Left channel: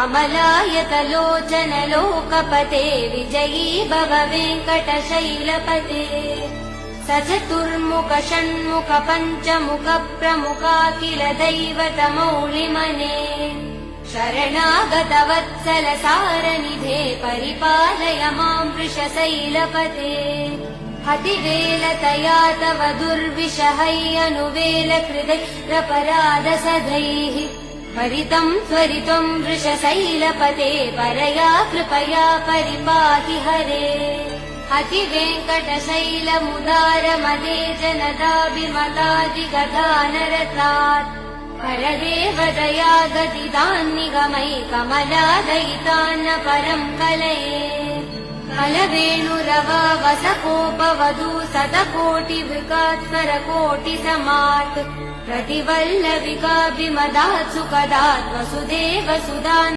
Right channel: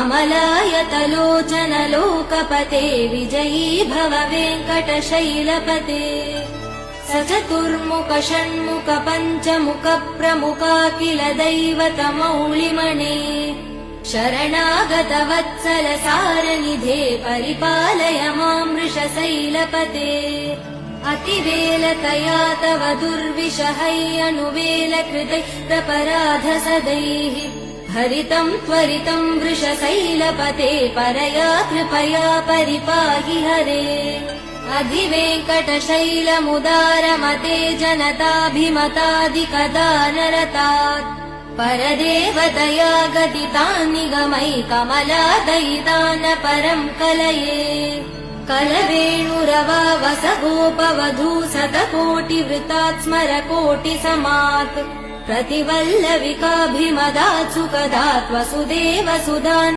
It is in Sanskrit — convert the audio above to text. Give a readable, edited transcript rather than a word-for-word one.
अमलायतलोचन लोकपते विजयी भव वेङ्कटशैलपते सचतुर्मुख षण्मुख पञ्चमुख प्रमुखाखिल दैवतमौलिमने शरणागत वत्सल सारनिधे परिपालय मां वृषशैलपते अतिवेलतया तव दुर्विषहैरनुवेल कृदैरपराध सदैः हरितं त्वरितं वृषशैलपते परया कृपया परिपाहि हरे अधिवेङ्कटशैलमुदारमते जनताभिमतादिकदानरतात् परदेवदया गदितान्निगमैकमलादयितान् परं कलये कलवेणुरवा वसगोपवधू शतकोटिवृतात् स्मरकोटिसमात् प्रतिवल्लविकाभिमदात् सुखदात् वसुदेव सुधान्